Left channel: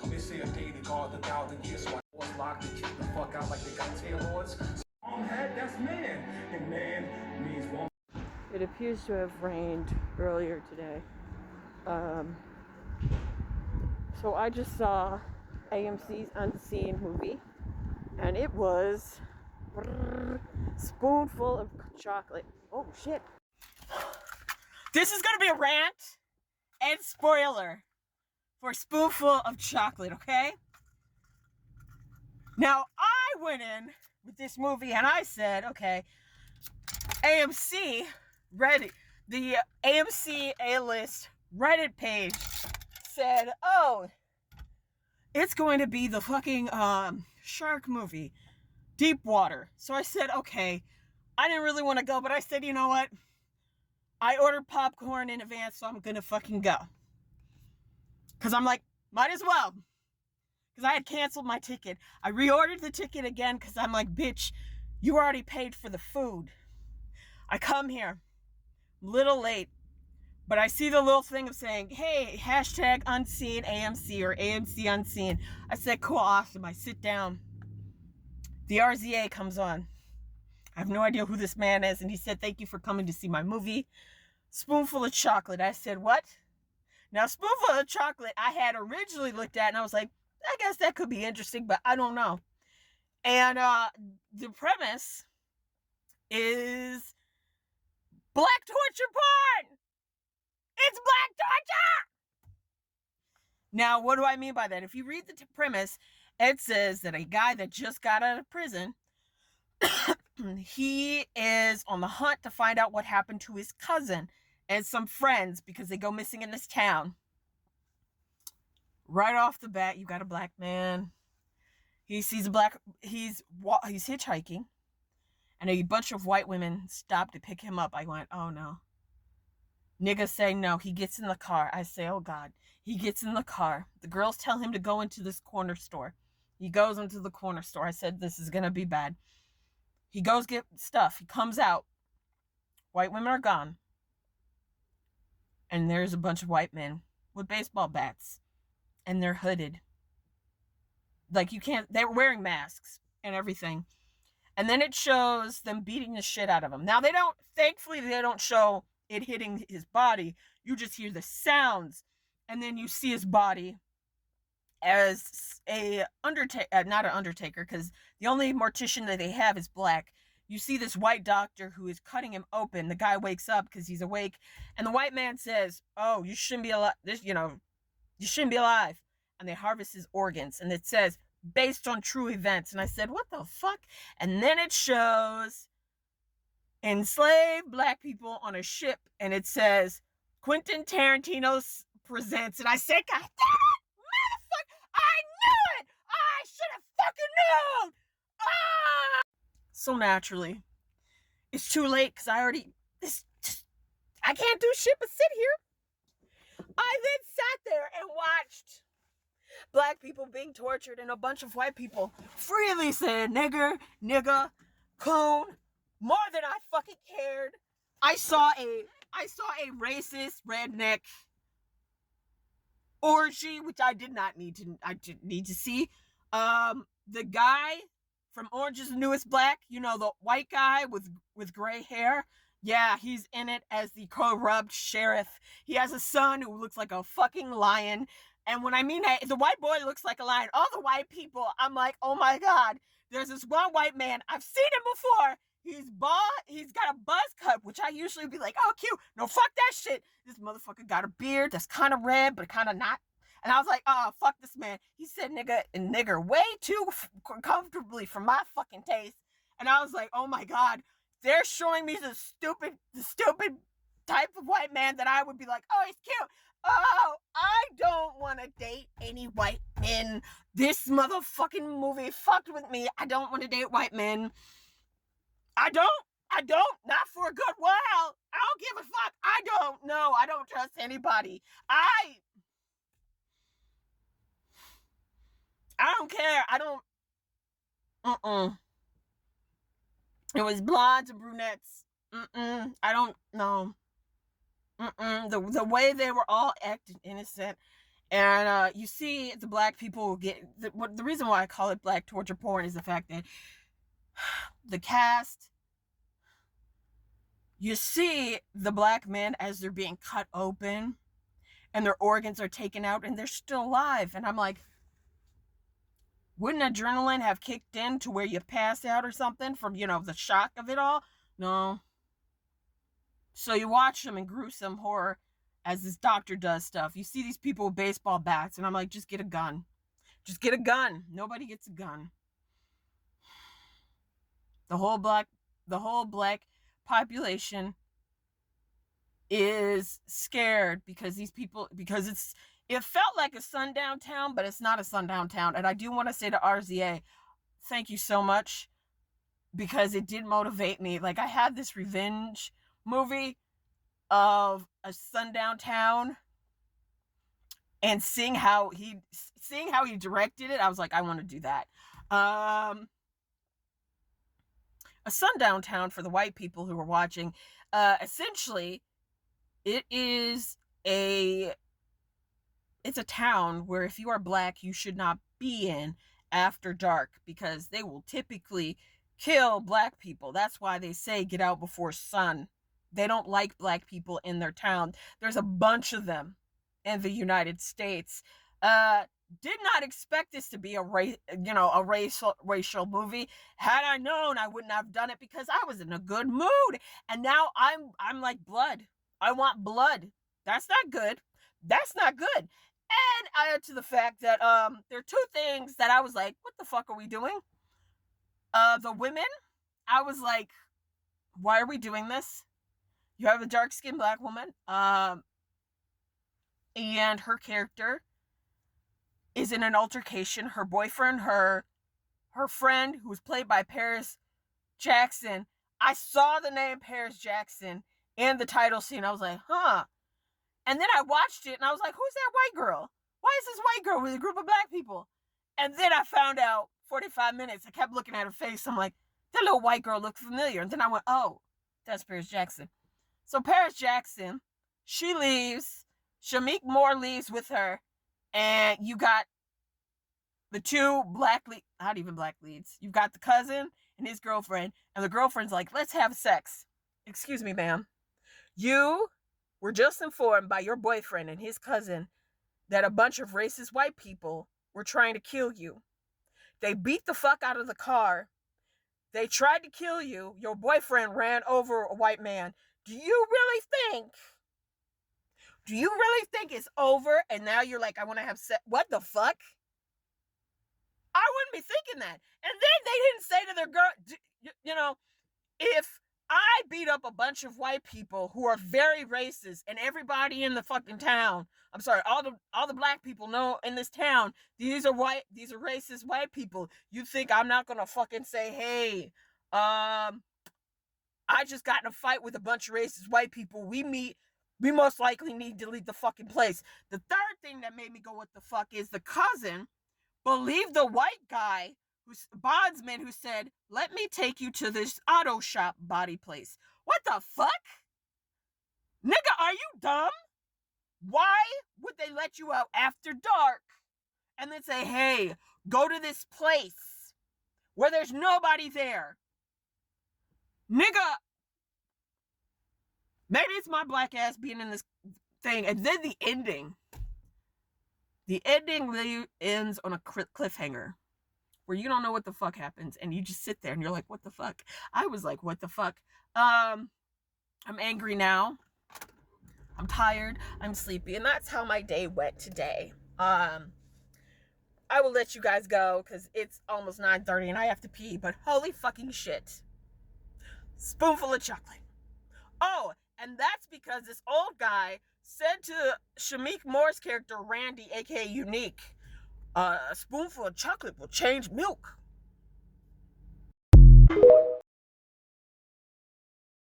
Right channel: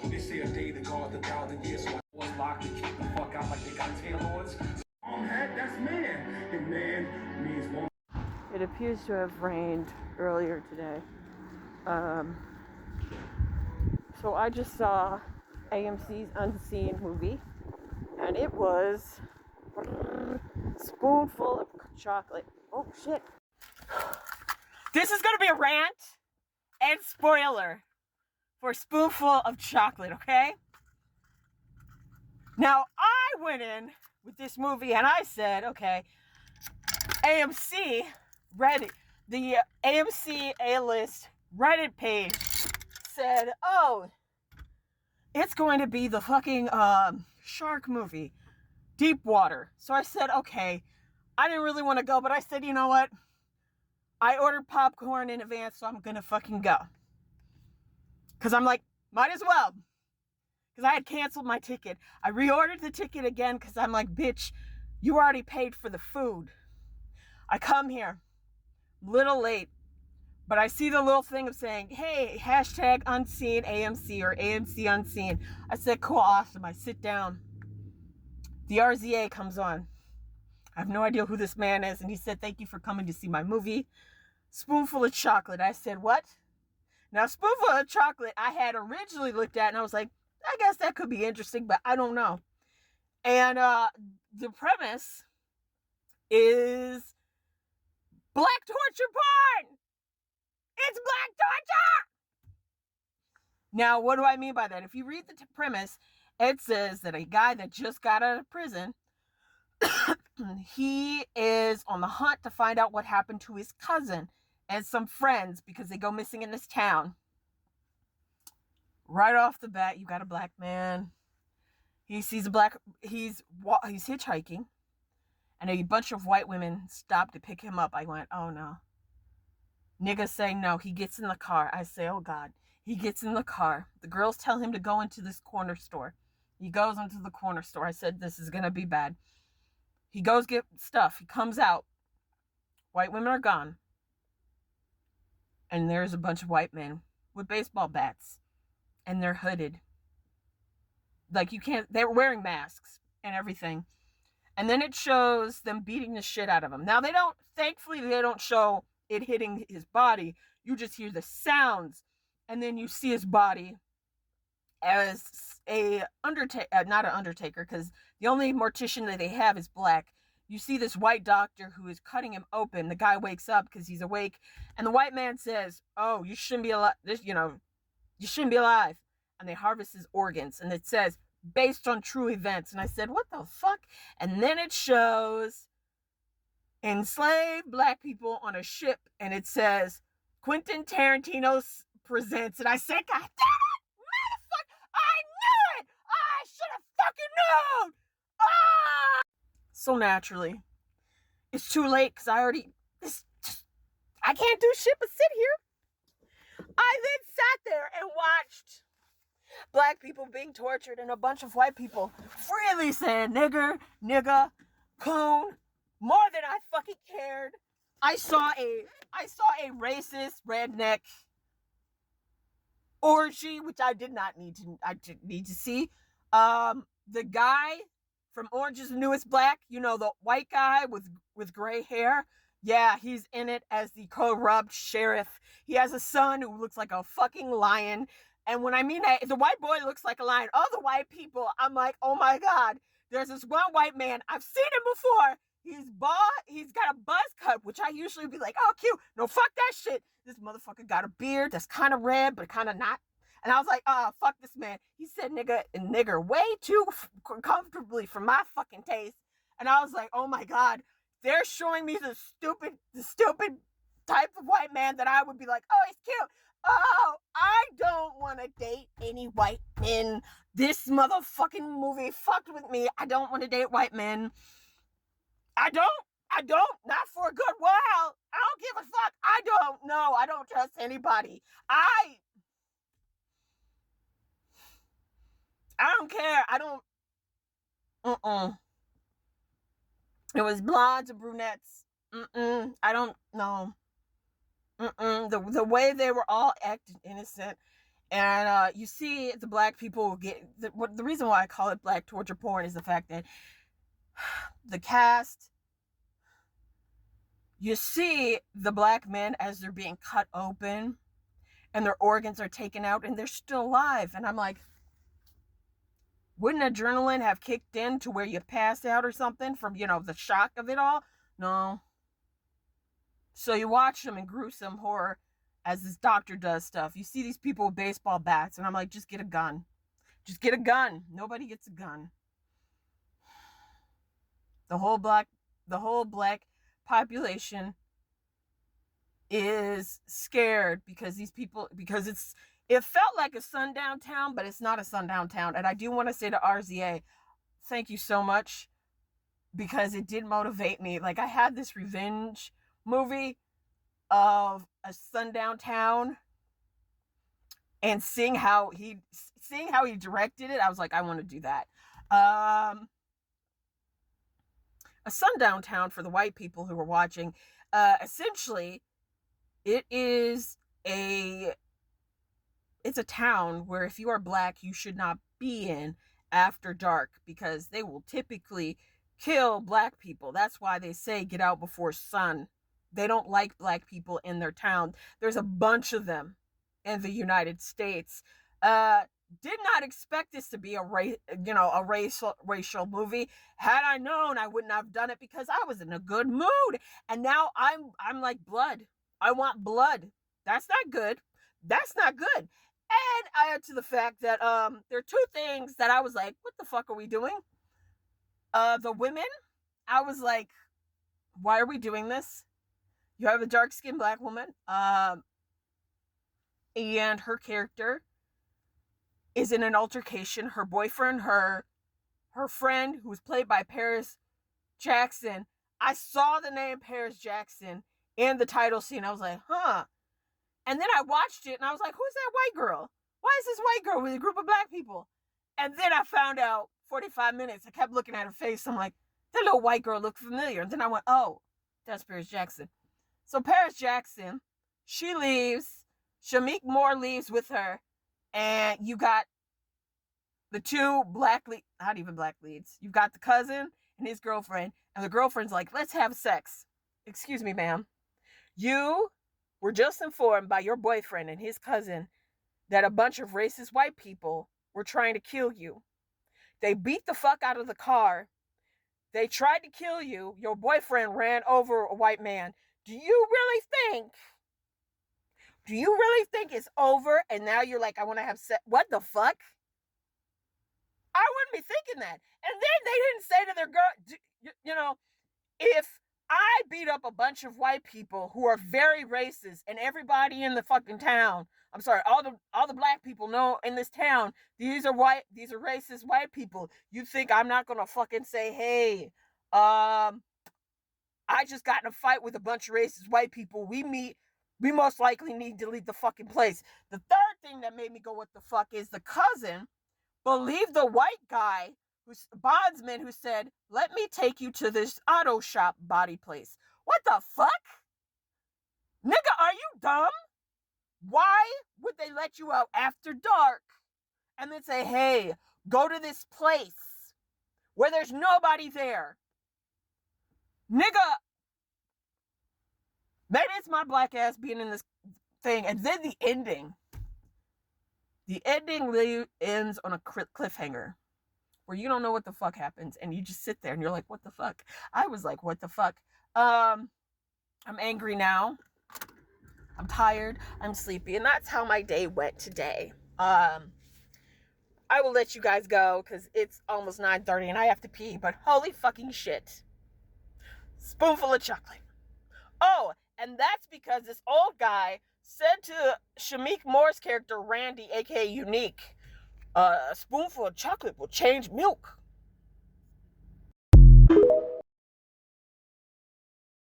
war. They say a day to guard the 1,000 years. So I was locked and kicked the fuck out like they got tailors. Head, that's man. And man means woman. It appears to have rained earlier today. So I just saw AMC's Unseen movie, and it was Spoonful of Chocolate. Oh shit. This is gonna be a rant and spoiler for Spoonful of Chocolate, okay? Now, I went in with this movie and I said, okay, AMC Reddit, the AMC A-list Reddit page said, oh, it's going to be the fucking shark movie, Deep Water. So I said, okay, I didn't really want to go, but I said, you know what? I ordered popcorn in advance, so I'm going to fucking go. Because I'm like, might as well. Because I had canceled my ticket. I reordered the ticket again because I'm like, bitch, you already paid for the food. I come here, little late, but I see the little thing of saying, hey, hashtag unseen AMC or AMC unseen. I said, cool, awesome. I sit down. The RZA comes on. I have no idea who this man is. And he said, thank you for coming to see my movie, Spoonful of Chocolate. I said, what? Now, Spoonful of Chocolate, I had originally looked at, and I was like, I guess that could be interesting, but I don't know. And the premise is black torture porn. It's black torture. Now, what do I mean by that? If you read the premise, it says that a guy that just got out of prison, he is on the hunt to find out what happened to his cousin and some friends because they go missing in this town. Right off the bat, you got a black man. He sees he's hitchhiking, and a bunch of white women stop to pick him up. I went, oh no. Niggas say no. He gets in the car. I say, oh God. He gets in the car. The girls tell him to go into this corner store. He goes into the corner store. I said, this is going to be bad. He goes get stuff. He comes out. White women are gone. And there's a bunch of white men with baseball bats. And they're hooded. Like you can't, they were wearing masks and everything. And then it shows them beating the shit out of him. Now thankfully they don't show it hitting his body. You just hear the sounds. And then you see his body as a undertaker, not an undertaker, because the only mortician that they have is black. You see this white doctor who is cutting him open. The guy wakes up because he's awake. And the white man says, oh, you shouldn't be alive. You shouldn't be alive. And they harvest his organs. And it says, based on true events. And I said, what the fuck? And then it shows enslaved black people on a ship. And it says, Quentin Tarantino presents. And I said, God damn it, motherfucker, I knew it. I should have fucking known. Ah! So naturally, it's too late because I can't do shit but sit here. I then sat there and watched black people being tortured and a bunch of white people freely saying nigger, nigga, coon, more than I fucking cared. I saw a racist redneck orgy, which I didn't need to see. The guy from Orange is the New Black, the white guy with gray hair. Yeah, he's in it as the corrupt sheriff. He has a son who looks like a fucking lion. And when I mean that, the white boy looks like a lion. All the white people, I'm like, oh my God. There's this one white man. I've seen him before. He's bald. He's got a buzz cut, which I usually be like, oh, cute. No, fuck that shit. This motherfucker got a beard that's kind of red, but kind of not. And I was like, oh, fuck this man. He said nigga and nigger way too comfortably for my fucking taste. And I was like, oh my God. They're showing me the stupid type of white man that I would be like, oh, he's cute. Oh, I don't want to date any white men. This motherfucking movie fucked with me. I don't want to date white men. I don't. Not for a good while. I don't give a fuck. I don't know. I don't trust anybody. I don't care. I don't. It was blondes and brunettes. I don't know. The way they were all acting innocent And you see the black people get the reason why I call it black torture porn is the fact that the cast, you see the black men as they're being cut open and their organs are taken out and they're still alive. And I'm like, wouldn't adrenaline have kicked in to where you pass out or something from, the shock of it all? No. So you watch them in gruesome horror as this doctor does stuff. You see these people with baseball bats, and I'm like, just get a gun. Just get a gun. Nobody gets a gun. The whole black population is scared because it felt like a sundown town, but it's not a sundown town. And I do want to say to RZA, thank you so much, because it did motivate me. Like, I had this revenge movie of a sundown town, and seeing how he directed it, I was like, I want to do that. A sundown town, for the white people who were watching, essentially it's a town where if you are black, you should not be in after dark, because they will typically kill black people. That's why they say get out before sun. They don't like black people in their town. There's a bunch of them in the United States. Did not expect this to be a racial movie. Had I known, I wouldn't have done it, because I was in a good mood. And now I'm like, blood. I want blood. That's not good. That's not good. And add to the fact that there are two things that I was like, what the fuck are we doing? The women, I was like, why are we doing this? You have a dark-skinned black woman, and her character is in an altercation. Her boyfriend, her friend, who's played by Paris Jackson. I saw the name Paris Jackson in the title scene. I was like, huh. And then I watched it, and I was like, who's that white girl? Why is this white girl with a group of black people? And then I found out 45 minutes. I kept looking at her face. I'm like, that little white girl looked familiar. And then I went, oh, that's Paris Jackson. So Paris Jackson, she leaves. Shamik Moore leaves with her. And you got the two not even black leads. You've got the cousin and his girlfriend. And the girlfriend's like, let's have sex. Excuse me, ma'am. You were just informed by your boyfriend and his cousin that a bunch of racist white people were trying to kill you. They beat the fuck out of the car. They tried to kill you. Your boyfriend ran over a white man. Do you really think it's over? And now you're like, I want to have sex. What the fuck? I wouldn't be thinking that. And then they didn't say to their girl, if I beat up a bunch of white people who are very racist, and everybody in the fucking town, I'm sorry, all the black people know in this town, these are racist white people. You think I'm not gonna fucking say, hey, I just got in a fight with a bunch of racist white people. We most likely need to leave the fucking place. The third thing that made me go, what the fuck, is the cousin believed the white guy, bondsman, who said, let me take you to this auto shop body place. What the fuck? Nigga, are you dumb? Why would they let you out after dark and then say, hey, go to this place where there's nobody there? Nigga, maybe it's my black ass being in this thing. And then the ending ends on a cliffhanger where you don't know what the fuck happens, and you just sit there and you're like, what the fuck? I was like, what the fuck? I'm angry now. I'm tired. I'm sleepy. And that's how my day went today. I will let you guys go because it's almost 9:30 and I have to pee, but holy fucking shit. Spoonful of chocolate. Oh, and that's because this old guy said to Shamik Moore's character, Randy, aka Unique, a spoonful of chocolate will change milk.